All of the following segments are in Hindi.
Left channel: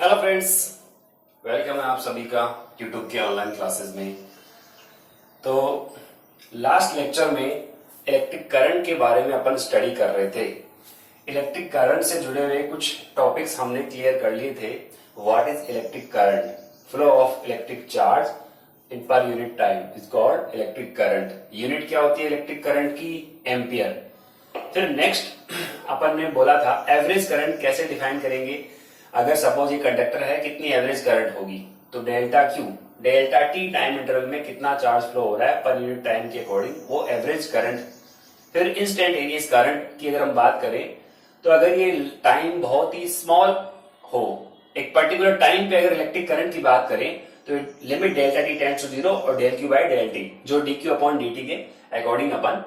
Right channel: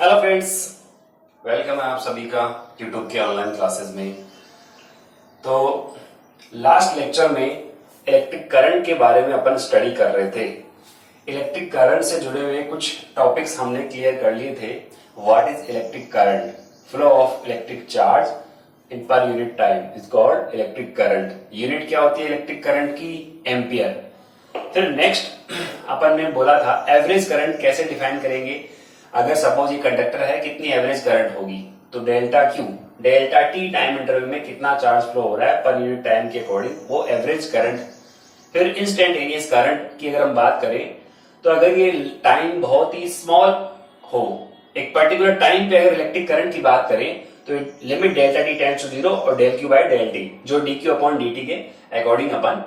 हेलो फ्रेंड्स, वेलकम है आप सभी का यूट्यूब के ऑनलाइन क्लासेस में। तो लास्ट लेक्चर में इलेक्ट्रिक करंट के बारे में अपन स्टडी कर रहे थे। इलेक्ट्रिक करंट से जुड़े हुए कुछ टॉपिक्स हमने क्लियर कर लिए थे। What is electric current, flow of electric charge in per unit time is called electric current. Unit क्या होती है इलेक्ट्रिक करंट की? एम्पियर। फिर नेक्स्ट अपन ने बोला था एवरेज करंट कैसे डिफाइन करेंगे। अगर सपोज ये कंडक्टर है, कितनी एवरेज करंट होगी? तो delta Q, delta T time interval में कितना चार्ज फ्लो हो रहा है पर यूनिट टाइम के अकॉर्डिंग, वो एवरेज करंट। फिर इंस्टेंटेनियस करंट की अगर हम बात करें तो अगर ये टाइम बहुत ही स्मॉल हो, एक पर्टिकुलर टाइम पे अगर इलेक्ट्रिक करंट की बात करें तो limit delta T tends to 0 और del Q by del T, जो D Q upon D T के अकॉर्डिंग अपन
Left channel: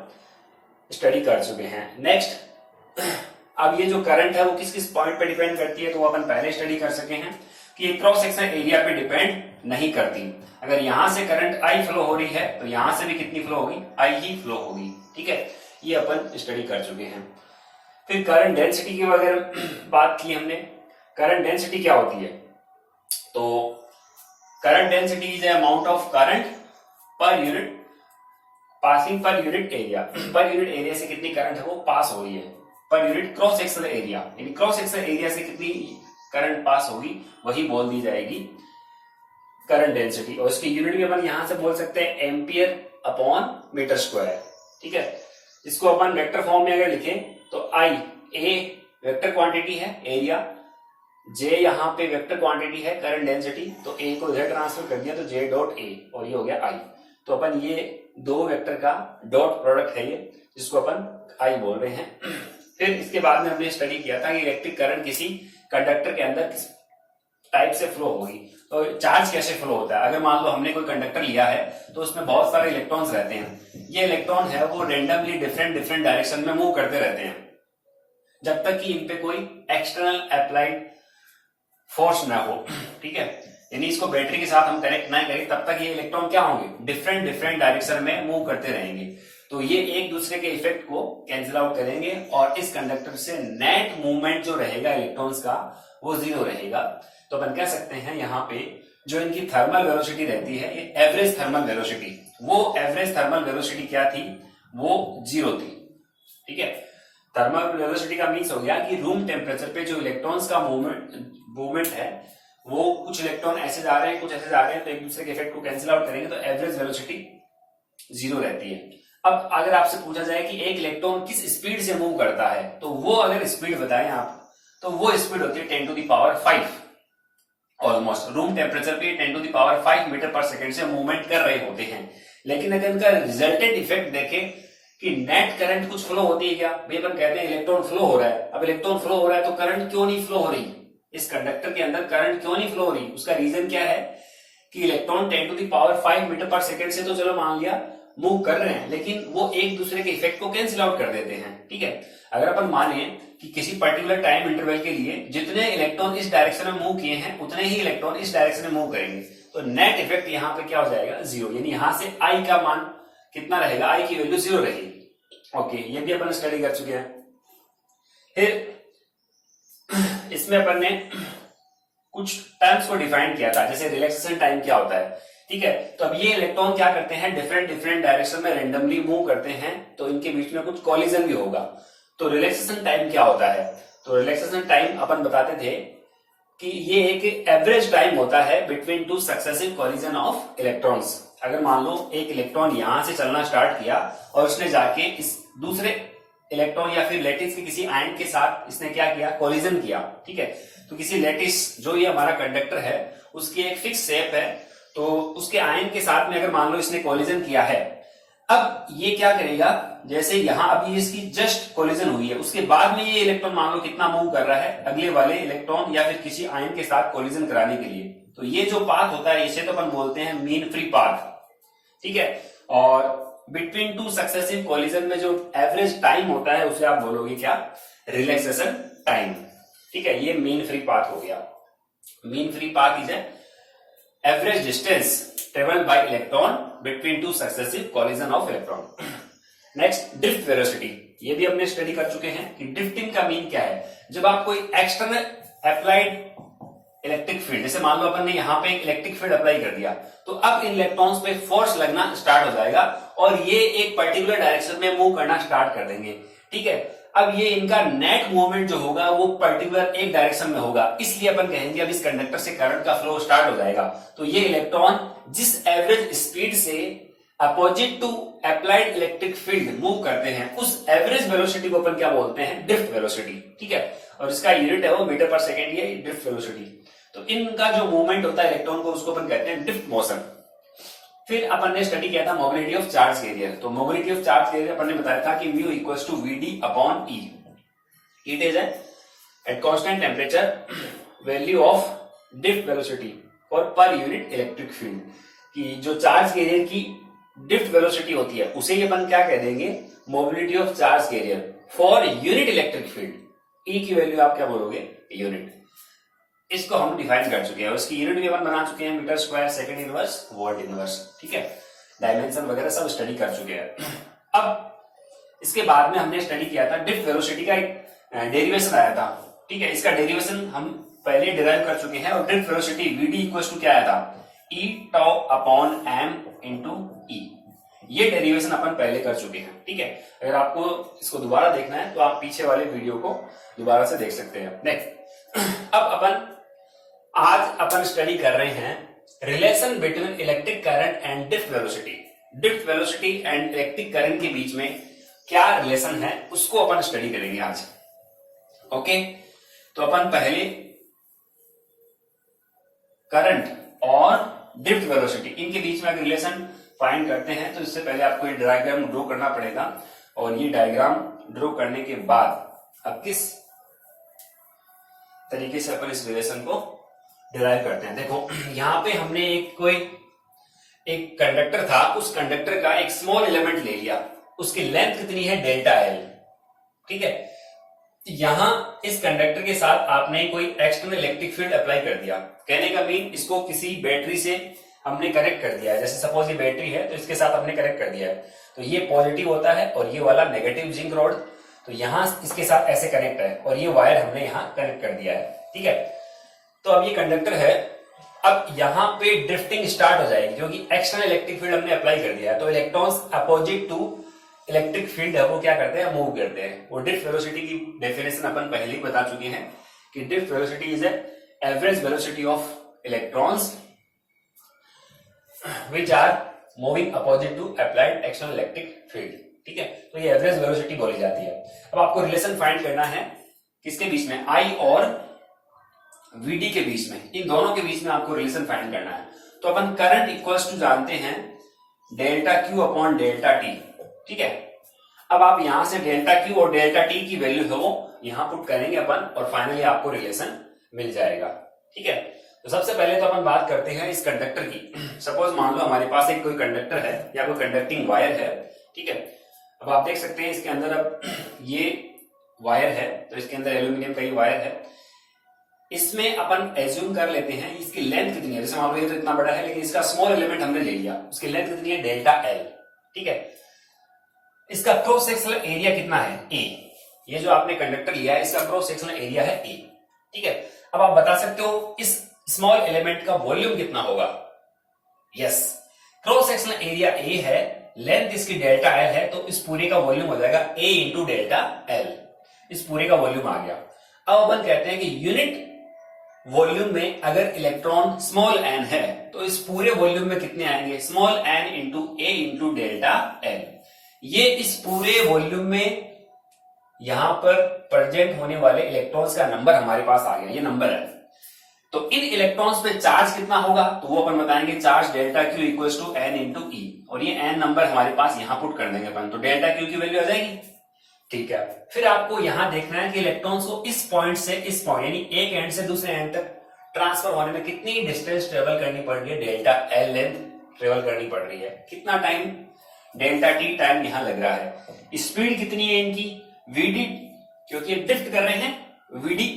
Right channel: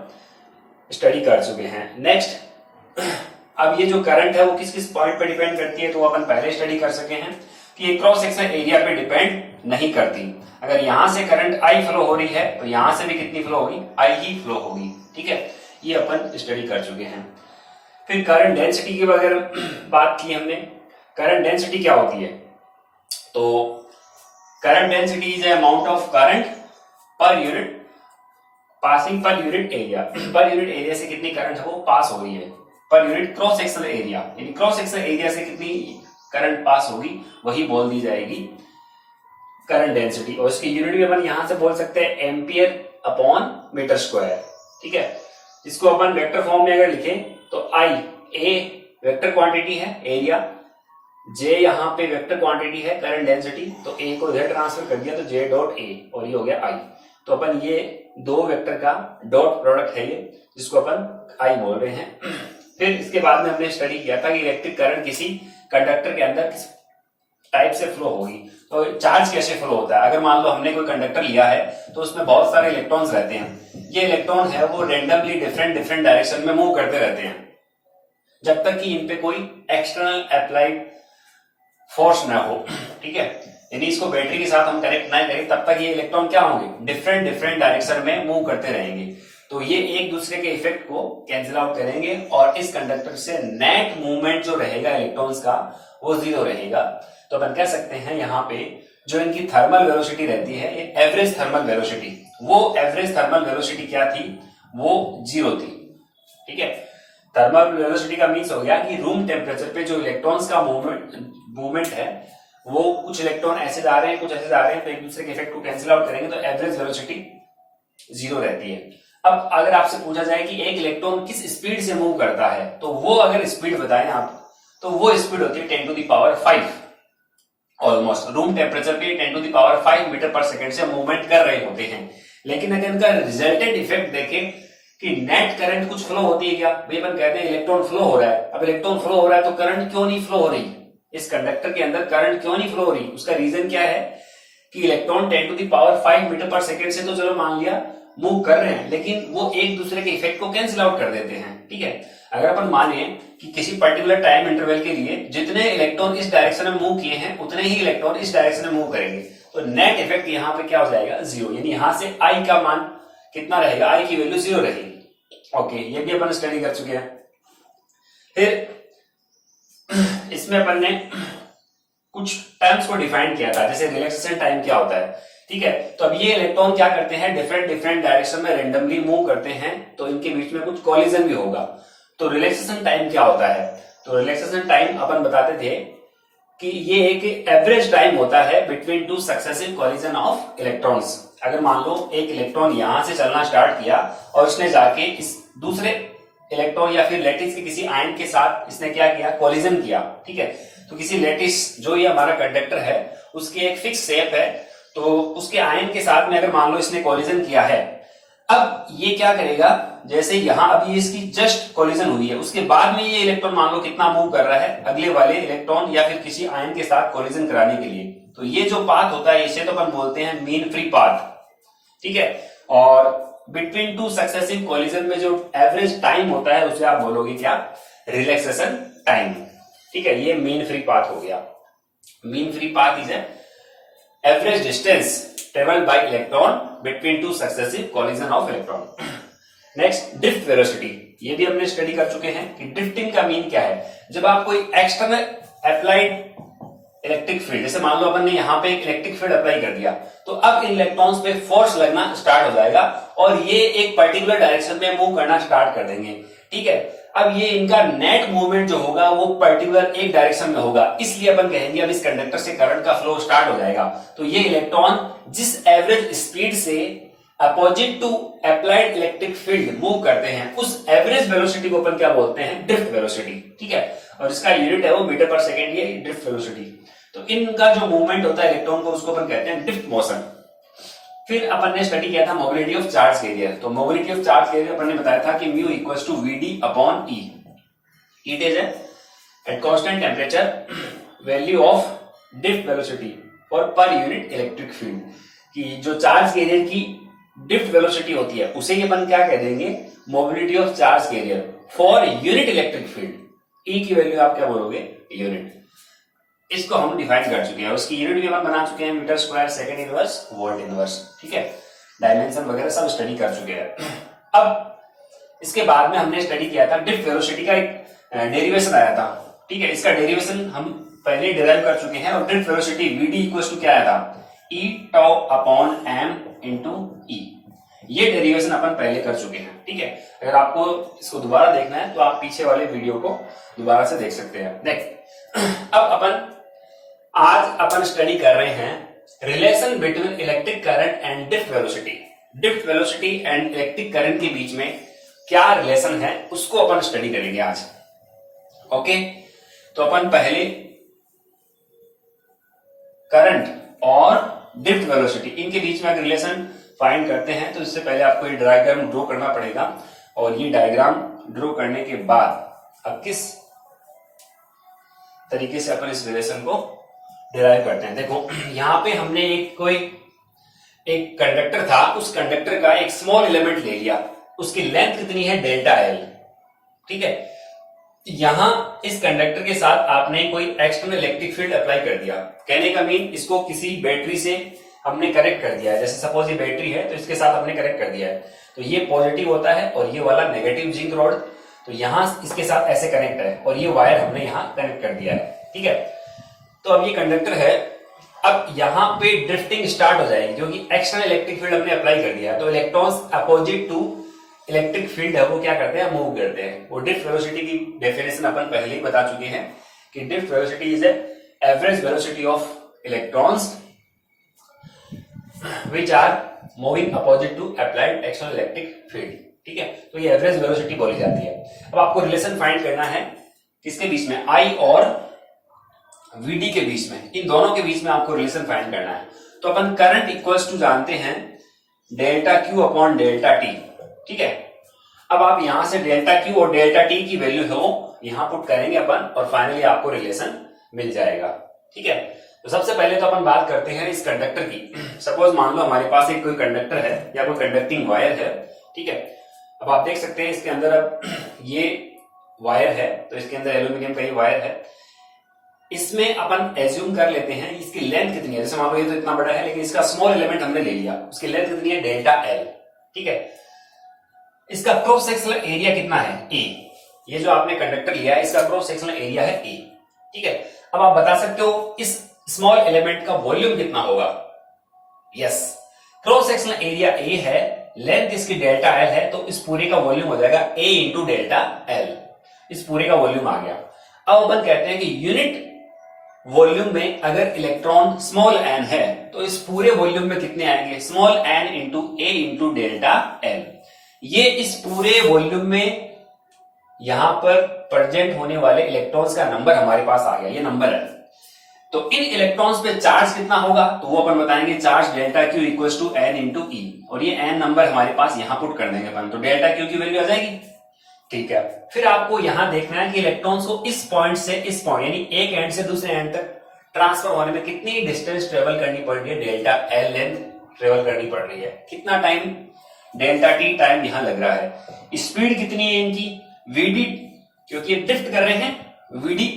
स्टडी कर चुके हैं। नेक्स्ट, अब ये जो करंट है वो किस किस पॉइंट पे डिपेंड करती है, तो अपन पहले स्टडी कर सके हैं कि ये क्रॉस सेक्शन एरिया पे डिपेंड नहीं करती। अगर यहां से करंट आई फ्लो हो रही है तो यहां से भी कितनी फ्लो होगी? आई ही फ्लो होगी। ठीक है, ये अपन स्टडी कर चुके हैं। फिर करंट डेंसिटी की अगर बात की हमने, करंट डेंसिटी क्या होती है? तो current density is amount of current per unit passing per unit area. Per unit area से कितनी करंट है वो पास हो रही है, per unit cross sectional area, यानी क्रॉस सेक्शनल एरिया से कितनी करंट पास होगी वही बोल दी जाएगी करंट डेंसिटी। और इसकी यूनिट भी अपन यहां से बोल सकते हैं एम्पियर अपॉन मीटर स्क्वायर। ठीक है, इसको अपन वेक्टर फॉर्म में अगर लिखें तो आई ए वेक्टर क्वांटिटी है एरिया, जे यहाँ पे वेक्टर क्वांटिटी है करंट डेंसिटी, तो ए को इधर ट्रांसफर कर दिया तो जे डॉट ए और ये हो गया आई। तो अपन ये दो वेक्टर का डॉट प्रोडक्ट है ये, जिसको अपन आई बोल रहे हैं। फिर इसके बाद में हमने स्टडी किया था कि इलेक्ट्रिक करंट किसी कंडक्टर के अंदर किस टाइप से फ्लो होगी, तो चार्ज कैसे फ्लो होता है। अगर मान लो हमने कोई कंडक्टर लिया है तो उसमें बहुत सारे इलेक्ट्रॉन्स रहते हैं। ये इलेक्ट्रॉन है वो रेंडमली डिफरेंट डिफरेंट डायरेक्शन में मूव करते रहते हैं जब तक कि इन पे कोई एक्सटर्नल अप्लाइड फोर्स ना हो। ठीक है, यानी इसको बैटरी के साथ हम कनेक्ट ना करें तब तक ये इलेक्ट्रॉन क्या होंगे? डिफरेंट डिफरेंट डायरेक्शन में मूव करते रहेंगे। तो ये एक दूसरे के इफेक्ट को कैंसिल आउट करेंगे और इस कंडक्टर से नेट मूवमेंट जो रहेगा इलेक्ट्रॉन्स का वो 0 रहेगा। तो अपन कह सकते हैं यहाँ पे जो इनकी थर्मल वेलोसिटी रहती है, ये एवरेज थर्मल वेलोसिटी, वो एवरेज थर्मल वेलोसिटी क्या थी? वो 0 थी। ठीक है, थर्मल वेलोसिटी का मीन्स हो गया कि रूम टेम्परेचर पे जो इलेक्ट्रॉन्स का मूवमेंट है, वो कुछ इलेक्ट्रॉन ऐसे जा रहे हैं कुछ ऐसे जा रहे हैं, तो एक दूसरे के इफेक्ट को कैंसिल आउट करेंगे तो एवरेज वेलोसिटी 0 रहती है। अब अगर आपसे पूछा जाए कि एक इलेक्ट्रॉन किस स्पीड से मूव करता है, तो वो अगर स्पीड बताएं आप, तो वो स्पीड होती है 10 to the power 5 almost. Room temperature पे 10 to the power 5 metre per second से मूवमेंट कर रहे होते हैं। लेकिन अगर इनका रिजल्टेंट इफेक्ट देखें कि नेट करंट कुछ फ्लो होती है क्या? भाई अपन कहते हैं इलेक्ट्रॉन फ्लो हो रहा है। अब इलेक्ट्रॉन फ्लो हो रहा है तो करंट क्यों नहीं फ्लो हो रही? इस कंडक्टर के अंदर करंट क्यों नहीं फ्लो हो रही? उसका रीजन क्या है कि electron 10 to the power 5 metre per second से तो चलो मान लिया मूव कर रहे हैं, लेकिन वो एक दूसरे के इफेक्ट को कैंसिल आउट कर देते हैं। ठीक है, अगर अपन माने कि किसी पर्टिकुलर टाइम इंटरवल के लिए जितने इलेक्ट्रॉन इस डायरेक्शन में मूव किए हैं उतने ही इलेक्ट्रॉन इस डायरेक्शन में मूव करेंगे, तो नेट इफेक्ट यहाँ पे क्या हो जाएगा? 0। यानी यहां से आई का मान कितना रहेगा? आई की वैल्यू 0 रहेगी। ओके, ये भी अपन स्टडी कर चुके हैं। फिर इसमें अपन ने कुछ टर्म्स को डिफाइन किया था, जैसे रिलैक्सेशन टाइम क्या होता है। ठीक है, तो अब ये इलेक्ट्रॉन क्या करते हैं? डिफरेंट डिफरेंट डायरेक्शन में रेंडमली मूव करते हैं, तो इनके बीच में कुछ कॉलिजन भी होगा। तो रिलैक्सेशन टाइम क्या होता है? तो रिलैक्सेशन टाइम अपन बताते थे कि ये एक एवरेज टाइम होता है between two successive collision of electrons. अगर मान लो एक इलेक्ट्रॉन यहां से चलना स्टार्ट किया और उसने जाके इस दूसरे इलेक्ट्रॉन या फिर लैटिस के किसी आयन के साथ इसने क्या किया? कॉलिजन किया। ठीक है, तो किसी लैटिस जो ये हमारा कंडक्टर है उसकी एक फिक्स शेप है, तो उसके आयन के साथ में अगर मान लो इसने कॉलिजन किया है, अब ये क्या करेगा? जैसे यहां अभी इसकी जस्ट कॉलिजन हुई है, उसके बाद में ये इलेक्ट्रॉन मान लो कितना मूव कर रहा है अगले वाले इलेक्ट्रॉन या फिर किसी आयन के साथ कॉलिजन कराने के लिए। तो ये जो पाथ होता है इसे तो अपन बोलते हैं मीन फ्री पाथ। ठीक है, और बिटवीन टू सक्सेसिव कॉलिजन में जो एवरेज टाइम होता है उसे आप बोलोगे क्या? Relaxation time. ठीक है, ये मीन फ्री पाथ हो गया। Mean free path is average distance travelled by electron between two successive collision of electron. Next, drift velocity, ये भी हमने स्टडी कर चुके हैं कि ड्रिफ्टिंग का मीन क्या है। जब आप कोई एक्सटर्नल अप्लाइड इलेक्ट्रिक फील्ड, जैसे मान लो अपन ने यहाँ पे एक इलेक्ट्रिक फील्ड अप्लाई कर दिया, तो अब इन इलेक्ट्रॉन्स पे फोर्स लगना स्टार्ट हो जाएगा और ये एक पर्टिकुलर डायरेक्शन में मूव करना स्टार्ट कर देंगे। ठीक है, अब ये इनका नेट मूवमेंट जो होगा वो पर्टिकुलर एक डायरेक्शन में होगा, इसलिए अपन कहेंगे अब इस कंडक्टर से करंट का फ्लो स्टार्ट हो जाएगा। तो ये इलेक्ट्रॉन जिस एवरेज स्पीड से opposite to applied electric field move करते हैं, उस एवरेज वेलोसिटी को अपन क्या बोलते हैं, ड्रिफ्ट वेलोसिटी। ठीक है, और इसका यूनिट है वो मीटर पर सेकेंड, ये ड्रिफ्ट वेलोसिटी। तो इनका जो मूवमेंट होता है इलेक्ट्रॉन को, उसको अपन कहते हैं ड्रिफ्ट मोशन। फिर अपन ने स्टडी किया था मोबिलिटी ऑफ चार्ज कैरियर। तो मोबिलिटी ऑफ चार्ज कैरियर अपन ने बताया था कि mu equals to VD upon E. It is at constant temperature value of drift velocity for per unit electric field. कि जो चार्ज कैरियर की ड्रिफ्ट वेलोसिटी होती है उसे अपन क्या कह देंगे, mobility of charge carrier for unit electric field. E की वैल्यू आप क्या बोलोगे, यूनिट। इसको हम डिफाइन कर चुके हैं, उसकी यूनिट भी अपन बना चुके हैं, metre square second inverse volt inverse. ठीक है, डायमेंशन वगैरह सब स्टडी कर चुके हैं। अब इसके बाद में हमने स्टडी किया था ड्रिफ्ट वेलोसिटी का एक डेरिवेशन आया था। ठीक है, इसका डेरिवेशन हम पहले डिराइव कर चुके हैं और drift velocity VD equals to क्या आया था, E tau upon M into E. ये डेरिवेशन अपन पहले कर चुके हैं। ठीक है, अगर आपको इसको दोबारा देखना है तो आप पीछे वाले वीडियो को दोबारा से देख सकते हैं। नेक्स्ट, अब आज अपन स्टडी कर रहे हैं relation between electric current and drift velocity. Drift velocity and electric current के बीच में क्या रिलेशन है उसको अपन स्टडी करेंगे आज। ओके, तो अपन पहले करंट और ड्रिफ्ट वेलोसिटी इनके बीच में अगर रिलेशन फाइंड करते हैं तो इससे पहले आपको ये डायग्राम ड्रॉ करना पड़ेगा। और ये डायग्राम ड्रॉ करने के बाद अब किस तरीके से अपन इस रिलेशन को डिराइव करते हैं। देखो यहां पे हमने एक कंडक्टर था, उस कंडक्टर का एक स्मॉल एलिमेंट ले लिया, उसकी लेंथ कितनी है, डेल्टा एल। ठीक है, यहां इस कंडक्टर के साथ आपने कोई एक्सटर्नल इलेक्ट्रिक फील्ड अप्लाई कर दिया। कहने का मीन, इसको किसी बैटरी से हमने कनेक्ट कर दिया है। जैसे सपोज ये बैटरी है तो इसके साथ हमने कनेक्ट कर दिया है, तो ये पॉजिटिव होता है और ये वाला नेगेटिव जिंक रॉड, तो यहां इसके साथ ऐसे कनेक्ट है और ये वायर हमने यहां कनेक्ट कर दिया है। ठीक है, तो अब ये कंडक्टर है, अब यहां पे ड्रिफ्टिंग स्टार्ट हो जाएगी क्योंकि एक्सटर्नल इलेक्ट्रिक फील्ड हमने अप्लाई कर दिया है। तो electrons opposite to electric field है वो क्या करते हैं, मूव करते हैं। वो ड्रिफ्ट वेलोसिटी की डेफिनेशन अपन पहले ही बता चुके हैं कि drift velocity is average velocity of electrons which are moving opposite to applied external electric field. ठीक है, तो ये एवरेज वेलोसिटी बोली जाती है। अब आपको रिलेशन फाइंड करना है किसके बीच में, आई और वीडी के बीच में, इन दोनों के बीच में आपको रिलेशन फाइंड करना है। तो अपन करंट इक्वल्स टू जानते हैं delta Q upon delta T. ठीक है, अब आप यहां से डेल्टा क्यू और डेल्टा टी की वैल्यू है वो यहां पुट करेंगे अपन और फाइनली आपको रिलेशन मिल जाएगा। ठीक है, तो सबसे पहले तो अपन बात करते हैं इस कंडक्टर की। सपोज मान लो हमारे पास एक कोई कंडक्टर है या कोई कंडक्टिंग वायर है। ठीक है, अब आप देख सकते हैं इसके अंदर अब ये वायर है, तो इसके अंदर एल्यूमिनियम का ही वायर है। इसमें अपन एज्यूम कर लेते हैं इसकी लेंथ कितनी है। जैसे मान लो ये तो इतना बड़ा है लेकिन इसका स्मॉल एलिमेंट हमने ले लिया, उसकी लेंथ कितनी है, डेल्टा एल। ठीक है, इसका क्रॉस सेक्शनल एरिया कितना है, ए। ये जो आपने कंडक्टर लिया है इसका क्रॉस सेक्शनल एरिया है ए। ठीक है, अब आप बता सकते हो इस स्मॉल एलिमेंट का वॉल्यूम कितना होगा। Yes, cross sectional area A है, लेंथ इसकी डेल्टा एल है, तो इस पूरे का वॉल्यूम हो जाएगा ए इंटू डेल्टा एल। इस पूरे का वॉल्यूम आ गया। अब अपन कहते हैं कि यूनिट वॉल्यूम में अगर इलेक्ट्रॉन स्मॉल एन है तो इस पूरे वॉल्यूम में कितने आएंगे, स्मॉल एन इंटू ए इंटू डेल्टा एल। ये इस पूरे वॉल्यूम में यहां पर प्रेजेंट होने वाले इलेक्ट्रॉन्स का नंबर हमारे पास आ गया, ये नंबर है। तो इन इलेक्ट्रॉन्स पे चार्ज कितना होगा, तो वो अपन बताएंगे charge delta Q equals to N into E, और ये एन नंबर हमारे पास यहां पुट कर देंगे अपन, तो डेल्टा क्यू की वैल्यू आ जाएगी। ठीक है, फिर आपको यहां देखना है कि इलेक्ट्रॉन्स को इस पॉइंट से इस पॉइंट यानी एक एंड से दूसरे एंड तक ट्रांसफर होने में कितनी डिस्टेंस ट्रेवल करनी पड़ रही है, डेल्टा एल लेंथ ट्रेवल करनी पड़ रही है। कितना टाइम, डेल्टा टी टाइम यहां लग रहा है। स्पीड कितनी है इनकी, वीडी, क्योंकि ये ड्रिफ्ट कर रहे हैं वीडी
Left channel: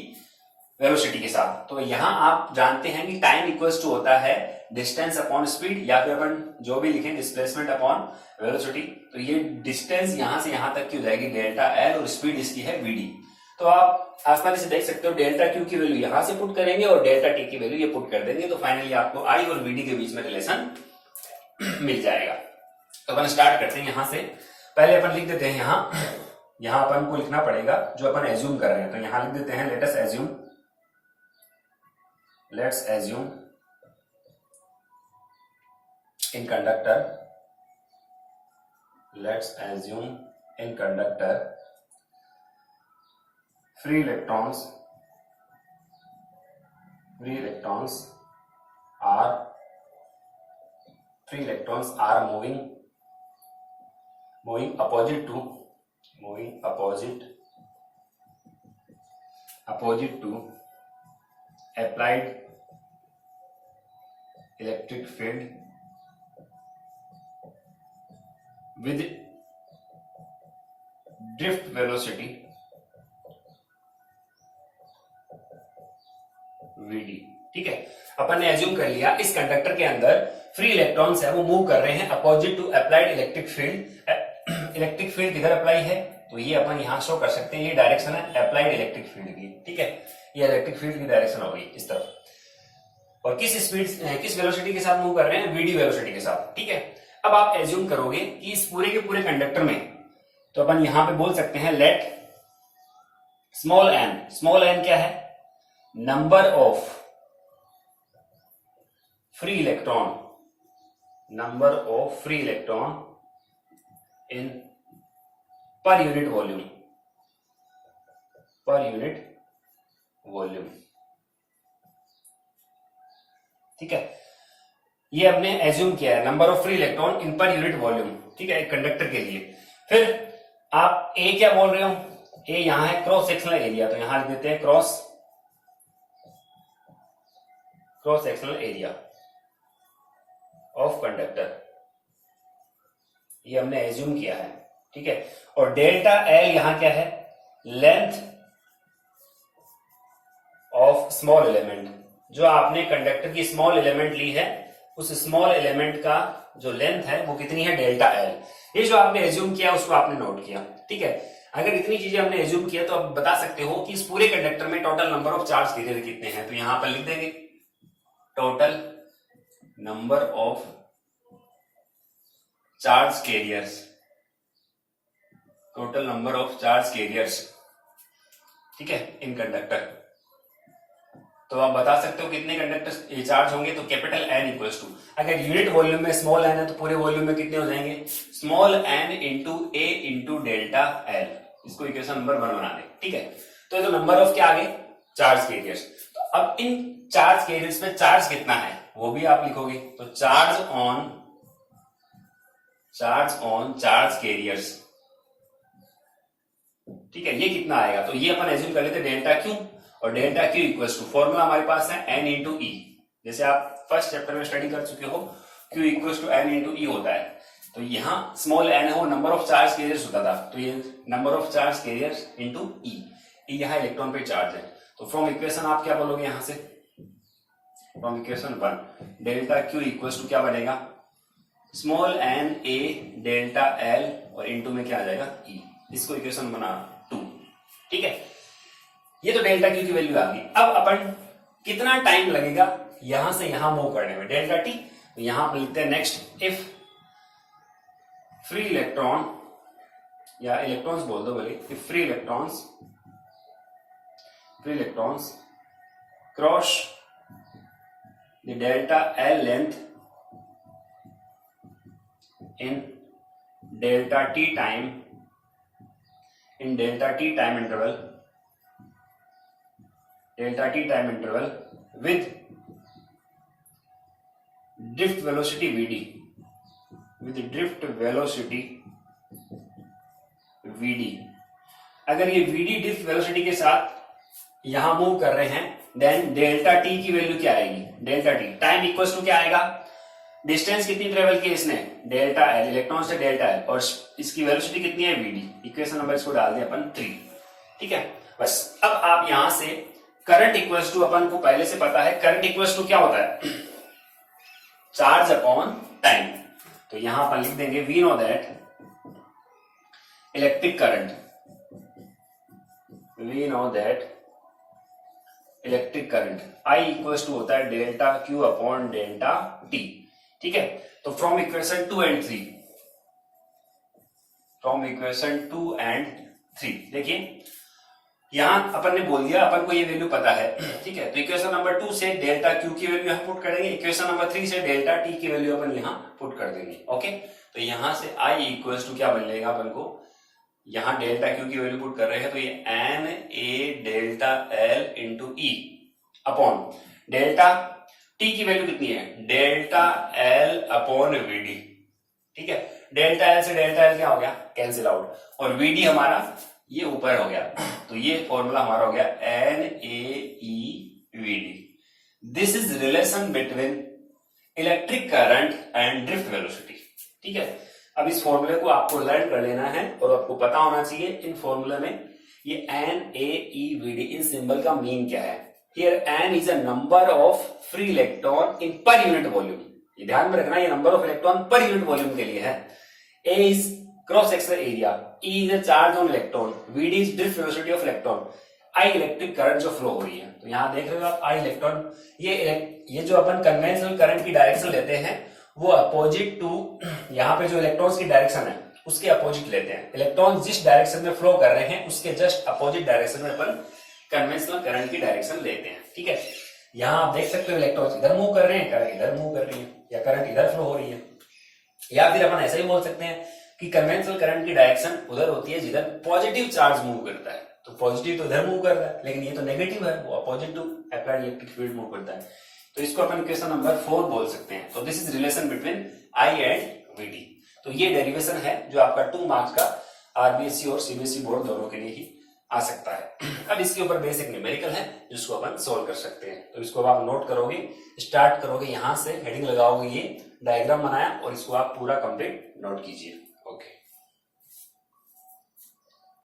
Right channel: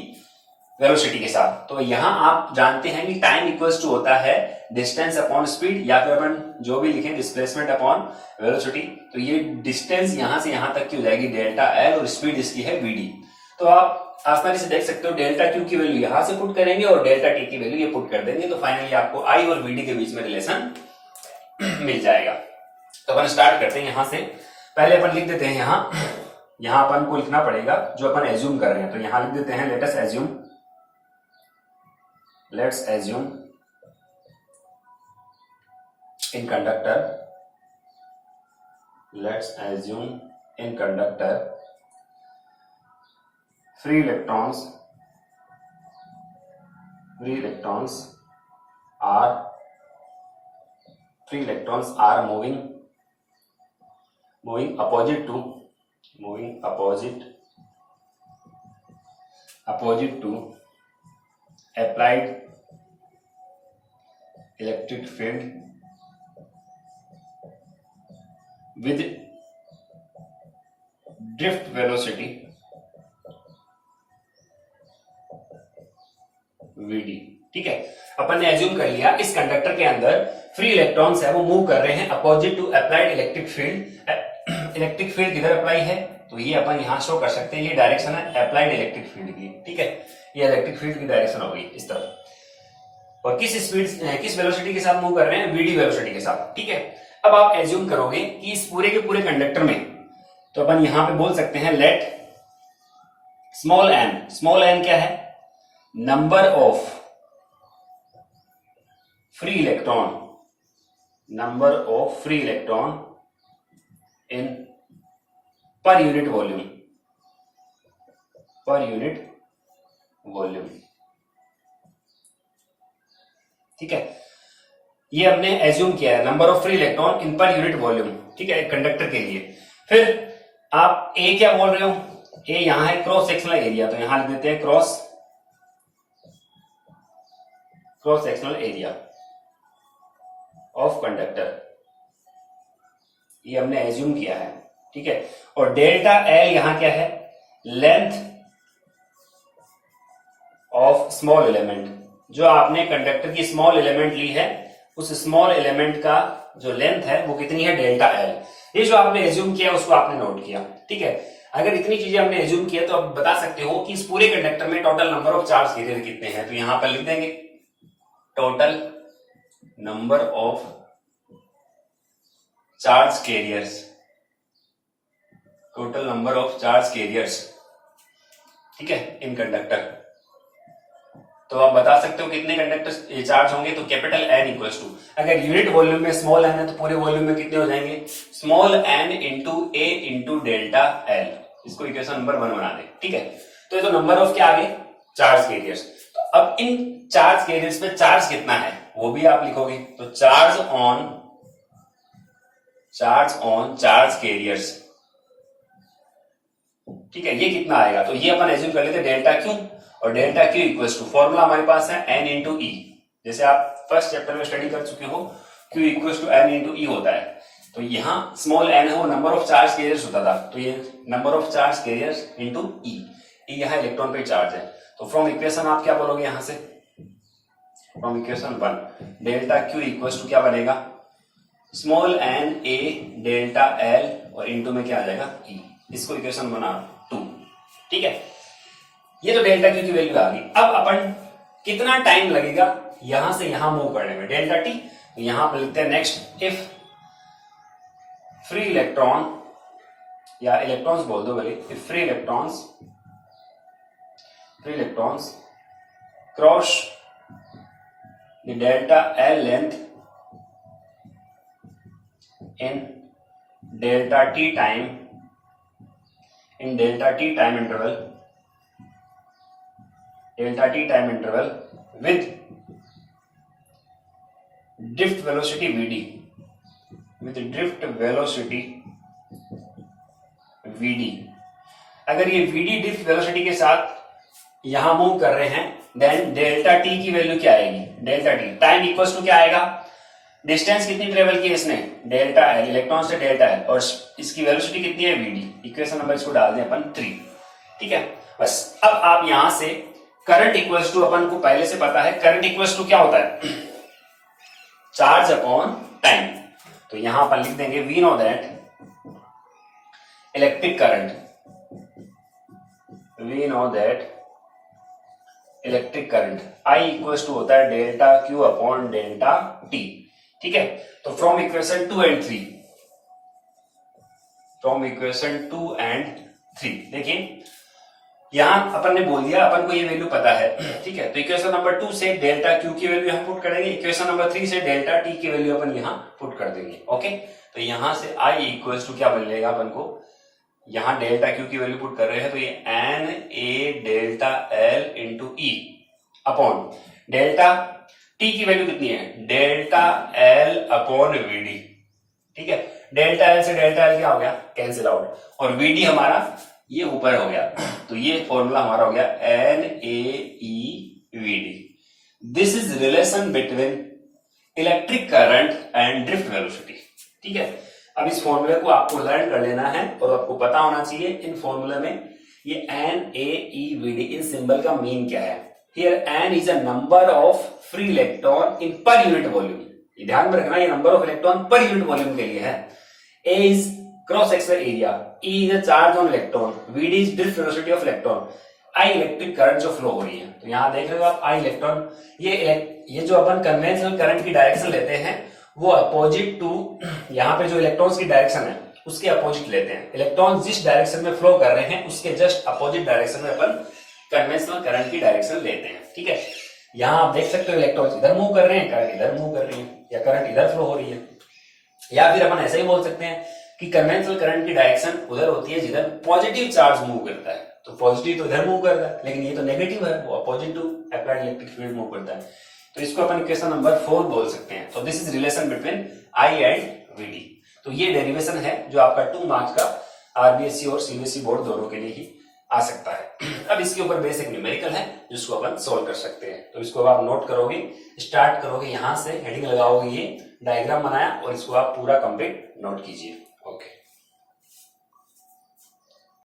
वेलोसिटी के साथ। तो यहां आप जानते हैं कि टाइम इक्वल्स टू होता है डिस्टेंस अपॉन स्पीड, या फिर अपन जो भी लिखें डिस्प्लेसमेंट अपॉन वेलोसिटी। तो ये डिस्टेंस यहां से यहां तक की हो जाएगी डेल्टा एल और स्पीड इसकी है वीडी। तो आप आसानी से देख सकते हो डेल्टा क्यू की वैल्यू यहां से पुट करेंगे और डेल्टा टी की वैल्यू ये पुट कर देंगे, तो फाइनली आपको आई और वीडी के बीच में रिलेशन मिल जाएगा। तो अपन स्टार्ट करते हैं यहां से। पहले अपन लिख देते हैं यहां अपन को लिखना पड़ेगा जो अपन एज्यूम कर रहे हैं, तो यहां लिख देते हैं let's assume in conductor free electrons are moving opposite to applied electric field with drift velocity vd। ठीक है, अपन ने एज्यूम कर लिया इस कंडक्टर के अंदर फ्री इलेक्ट्रॉन्स है वो मूव कर रहे हैं opposite to applied electric field. Electric field किधर अप्लाई है, तो ये अपन यहां शो कर सकते हैं, ये डायरेक्शन है अप्लाइड इलेक्ट्रिक फील्ड की। ठीक है, ये इलेक्ट्रिक फील्ड की डायरेक्शन होगी इस तरफ, और किस वेलोसिटी के साथ मूव कर रहे हैं, वीडी वेलोसिटी के साथ। ठीक है, अब आप एज्यूम करोगे कि इस पूरे के पूरे कंडक्टर में, तो अपन यहां पे बोल सकते हैं लेट स्मॉल एन क्या है, number of free electron in per unit volume. ठीक है, ये हमने एज्यूम किया है number of free electron in per unit volume. ठीक है, एक कंडक्टर के लिए। फिर आप ए क्या बोल रहे हो, ए यहां है क्रॉस सेक्शनल एरिया, तो यहां लिख देते हैं cross sectional area of conductor, ये हमने एज्यूम किया है। ठीक है, और डेल्टा एल यहां क्या है, लेंथ ऑफ स्मॉल एलिमेंट, जो आपने कंडक्टर की स्मॉल एलिमेंट ली है उस स्मॉल एलिमेंट का जो लेंथ है वो कितनी है, डेल्टा एल। ये जो आपने एज्यूम किया उसको आपने नोट किया। ठीक है, अगर इतनी चीजें हमने एज्यूम किया तो आप बता सकते हो कि इस पूरे कंडक्टर में total number of charge career कितने हैं, तो यहां पर लिख देंगे total number of charge carriers. ठीक है, इन कंडक्टर। तो आप बता सकते हो कितने कंडक्टर चार्ज होंगे, तो कैपिटल एन इक्वल्स टू, अगर यूनिट वॉल्यूम में स्मॉल एन है तो पूरे वॉल्यूम में कितने हो जाएंगे, स्मॉल एन इंटू ए इंटू डेल्टा एल। इसको इक्वेशन नंबर 1 बना दे। ठीक है, तो ये तो नंबर ऑफ क्या आ गए, चार्ज कैरियर्स। तो अब इन चार्ज कैरियर्स में चार्ज कितना है वो भी आप लिखोगे, तो चार्ज ऑन चार्ज कैरियर्स। ठीक है, ये कितना आएगा, तो ये अपन एज्यूम कर लेते डेल्टा क्यू, और delta Q equals to formula हमारे पास है एन इंटू ई, जैसे आप फर्स्ट चैप्टर में स्टडी कर चुके हो, Q equals to N into E होता है। तो यहां स्मॉल एन है वो नंबर ऑफ चार्ज कैरियर्स होता था, तो ये number of charge carriers into E, यहां इलेक्ट्रॉन पे चार्ज है। तो फ्रॉम इक्वेशन आप क्या बोलोगे यहां से, from equation 1 delta Q equals to क्या बनेगा, small N A delta L और इंटू में क्या आ जाएगा ई। इसको इक्वेशन बना 2। ठीक है, ये तो डेल्टा क्यू की वैल्यू आ गई। अब अपन कितना टाइम लगेगा यहां से यहां मूव करने में, डेल्टा टी। तो यहां पर लिखते हैं नेक्स्ट, इफ फ्री इलेक्ट्रॉन या इलेक्ट्रॉन्स बोल दो भले, if free electrons cross the delta L length in delta t time interval with drift velocity vd, अगर ये vd drift velocity के साथ यहां मूव कर रहे हैं, देन डेल्टा t की वैल्यू क्या आएगी, delta t time equals to क्या आएगा, डिस्टेंस कितनी ट्रेवल की इसने, डेल्टा एल, इलेक्ट्रॉन से डेल्टा एल, और इसकी वेलोसिटी कितनी है वीडी। इक्वेशन नंबर इसको डाल दें अपन 3। ठीक है, बस अब आप यहां से करंट इक्वल्स टू, अपन को पहले से पता है करंट इक्वल्स टू क्या होता है, चार्ज अपॉन टाइम। तो यहां पर लिख देंगे we know that electric current we know that electric current I equals to होता है delta Q upon delta T। ठीक है, तो from equation 2 and 3, from equation 2 and 3 देखिए यहां अपन ने बोल दिया, अपन को ये वैल्यू पता है। ठीक है, तो इक्वेशन नंबर 2 से डेल्टा Q की वैल्यू यहां पुट करेंगे, इक्वेशन नंबर 3 से डेल्टा T की वैल्यू अपन यहां पुट कर देंगे। ओके, तो यहां से I इक्वल्स टू क्या मिलेगा अपन को, यहां डेल्टा Q की वैल्यू पुट कर रहे हैं तो ये N A delta L into E upon delta T की वैल्यू कितनी है, डेल्टा L अपॉन VD। ठीक है, डेल्टा L से डेल्टा L क्या हो गया, कैंसिल आउट, और VD हमारा ये ऊपर हो गया, तो ये फॉर्मूला हमारा हो गया N A E V D. This is relation between electric current and drift velocity. ठीक है, अब इस फॉर्मूले को आपको लर्न कर लेना है और आपको पता होना चाहिए इन फॉर्मूले में ये N A E V D इन सिंबल का मीन क्या है। Here N is a number of free electron in per unit volume, ये ध्यान में रखना, ये number of electron per unit volume के लिए है। A is cross sectional area, E is a charge on electron, VD is drift velocity of electron, I electric current जो फ्लो हो रही है। तो यहां देख रहे हो आप I इलेक्ट्रॉन, ये जो अपन कन्वेंशनल करंट की डायरेक्शन लेते हैं वो अपोजिट टू, यहाँ पे जो इलेक्ट्रॉन्स की डायरेक्शन है उसके अपोजिट लेते हैं। इलेक्ट्रॉन जिस डायरेक्शन में फ्लो कर रहे हैं उसके जस्ट अपोजिट डायरेक्शन में अपन कन्वेंशनल करंट की डायरेक्शन लेते हैं। ठीक है, यहाँ आप देख सकते हो इलेक्ट्रॉन्स इधर मूव कर रहे हैं, करंट इधर मूव कर रही है, या करंट इधर फ्लो हो रही है, या फिर अपन ऐसा ही बोल सकते हैं कि कन्वेंशनल करंट की डायरेक्शन उधर होती है जिधर पॉजिटिव चार्ज मूव करता है, तो पॉजिटिव तो इधर मूव कर रहा है, लेकिन ये तो नेगेटिव है, वो opposite to applied electric field move करता है, तो इसको अपन इक्वेशन नंबर 4 बोल सकते हैं। तो this is relation between I and VD। तो ये डेरिवेशन है जो आपका 2 मार्क्स का RBSC और CBSE बोर्ड दोनों के लिए ही आ सकता है। अब इसके ऊपर बेसिक न्यूमेरिकल है जिसको अपन सोल्व कर सकते हैं। तो इसको आप नोट करोगे, स्टार्ट करोगे, यहां से हेडिंग लगाओगे, ये डायग्राम बनाया और इसको आप पूरा कंप्लीट नोट कीजिए।